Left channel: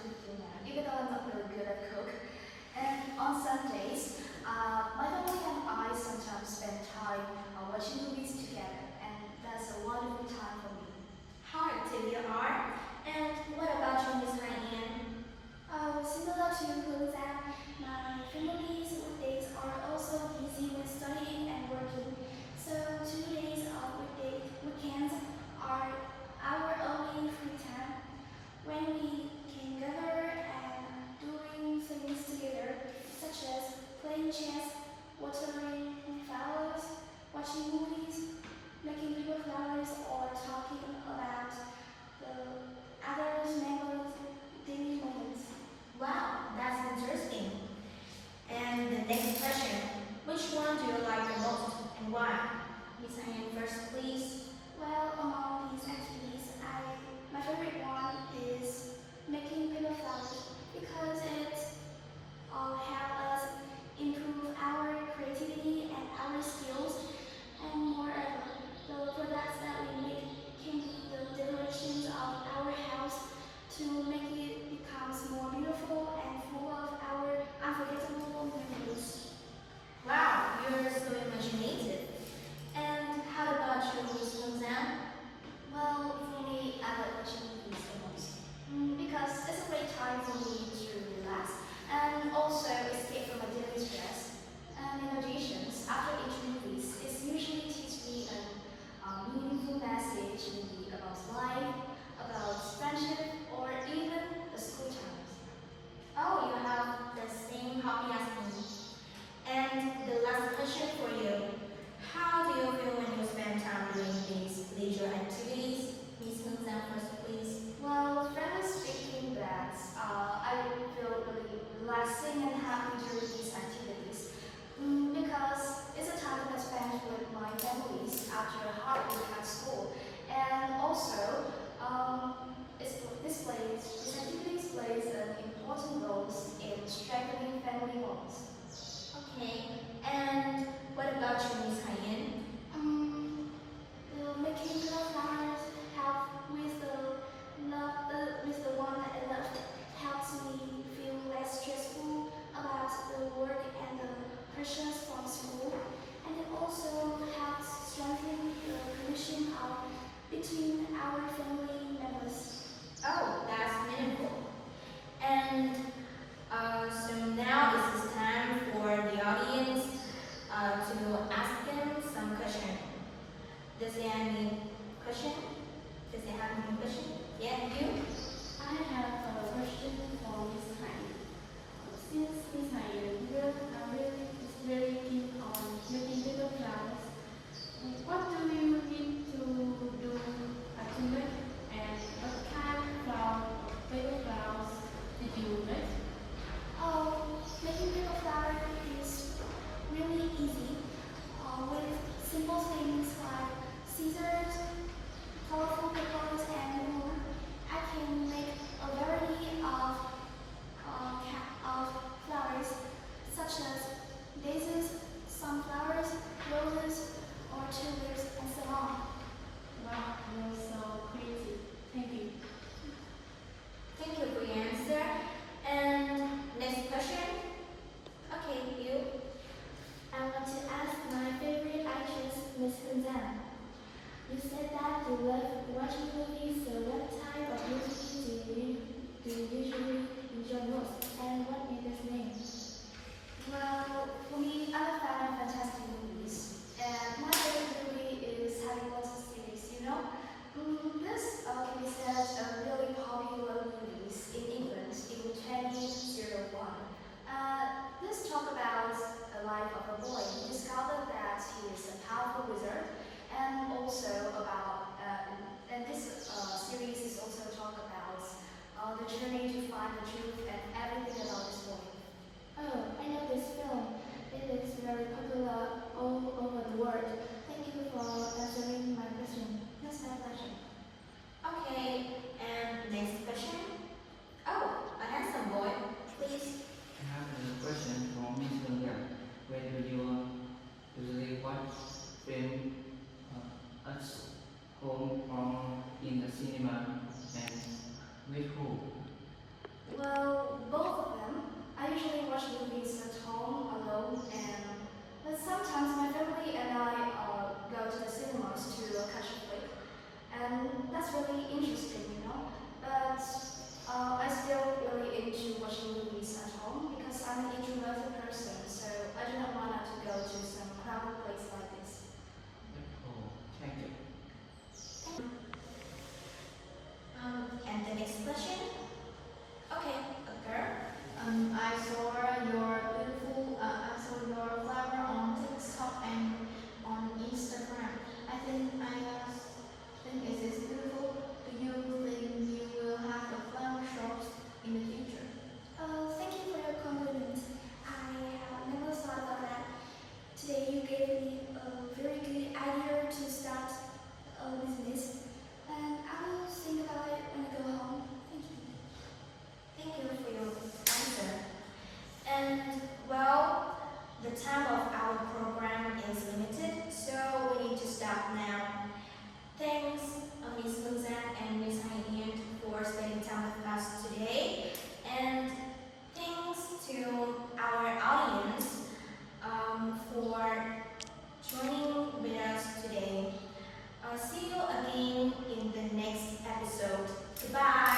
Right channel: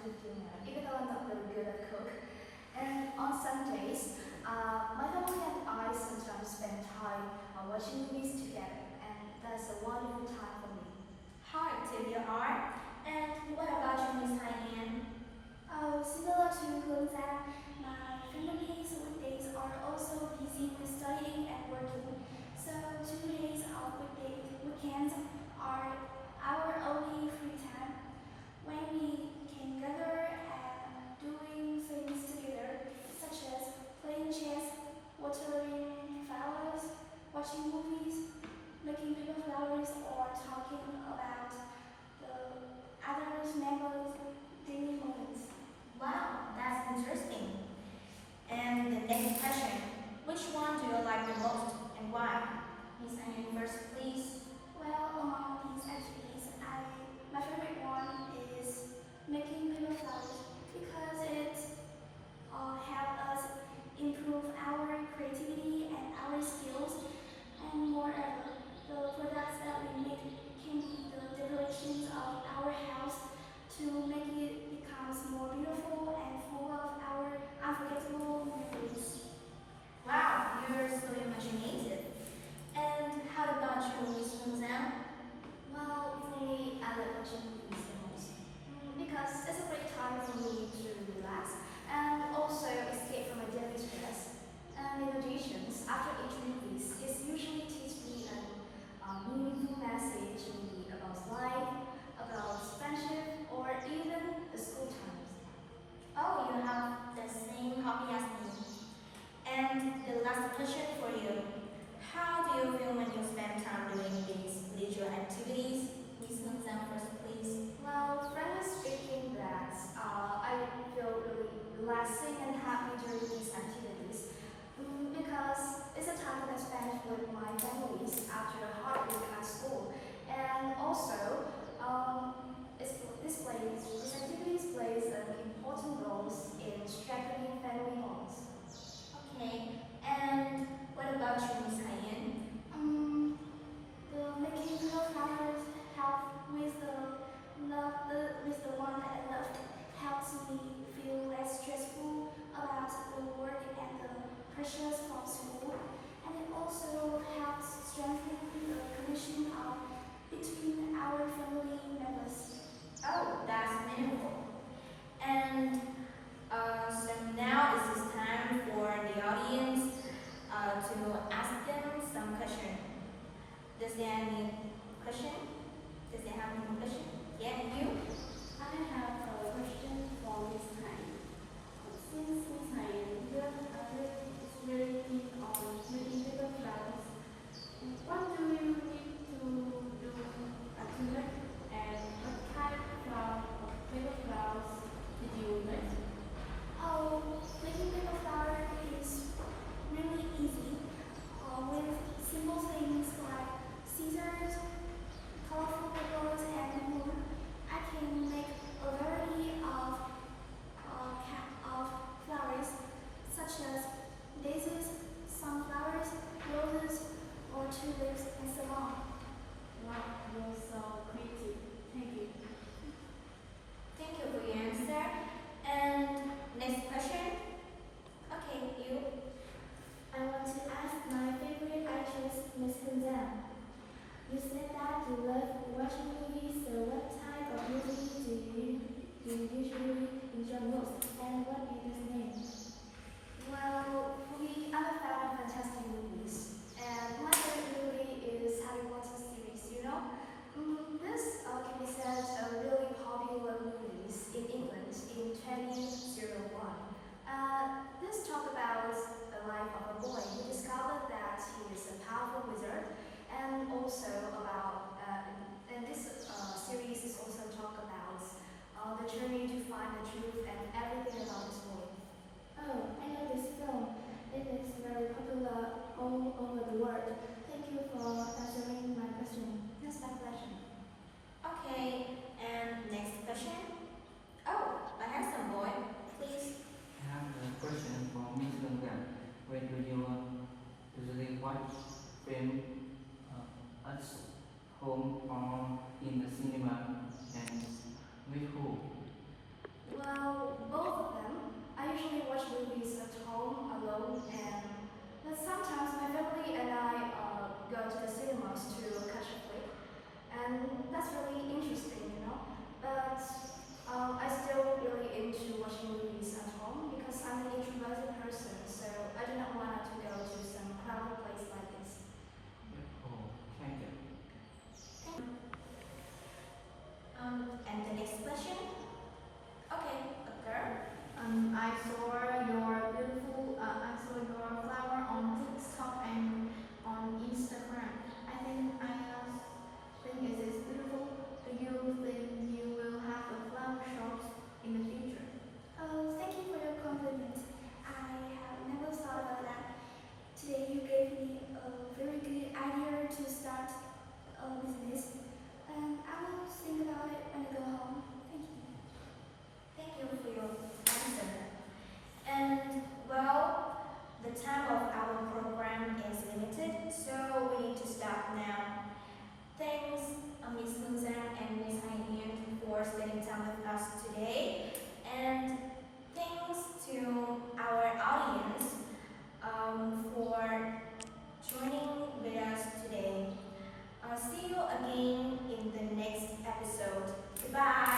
cooking, even though I'm not really good at cook. And on Sundays, my family and I sometimes spend time watching movies together, and that's a wonderful time for me. How active you are. And what about you, Miss Haiyan? Similar to Gongzan, my family's weekdays are also busy with studying and working. So 2 days of weekends are our only free time when we can gather and doing things together, such as playing chess, watering flowers, watching movies, making paper flowers, or talking about the others' members' daily moments. Wow, that's interesting. And the next question, which one do you like the most and why? Miss Haiyan first, please. Well, among these activities, my favorite one is making paper flowers because it helps us improve our creativity and our skills. And moreover, the products that we make can be the decorations of our house to make it becomes more beautiful and full of our unforgettable memories. Wow, you're so imaginative. And how about you, Miss Gongzan? Well, for me, I like watching movies the most. Because it's a great time for me to relax and also escape from my daily stress. And in addition, after each movies, it usually teaches me a meaningful message maybe about life, about friendship, or even the school times. Oh, you have the same hobby as me. And the last question for you. How do you feel when you spend time doing these leisure activities? Miss Gongzan first, please. Well, frankly speaking, that I feel really relaxing and happy during these activities because it's a time that I spend with my families after a hard week at school, and also these activities plays an important role in strengthening family bonds. Okay. And what about you, Miss Haiyan? The making little flowers help with the one that I love helps me feel less stressful about the work and the pressures from school, and it also helps strengthen the connection between our family members. Oh, that's meaningful. And so now it is time for the audience person, so I do not want her to go to some crowded place like this. Oh, thank you. And the next question? Okay, a girl. I saw I saw your flower on TikTok and on Instagram. I think it is beautiful. Do you think you will have a flower shop in the future? Oh, thank you for your compliment. I have never thought about that. Today you gave me a very good idea to start a business, and I will think about it when I go home. Thank you. Thank you for your answer. And well, the time of our program is limited, so we need to stop now. Thanks, Miss Munzan and Miss Haiyan for spending time with us today. And thanks to our audience for joining with us today. See you again in the next episode. Goodbye.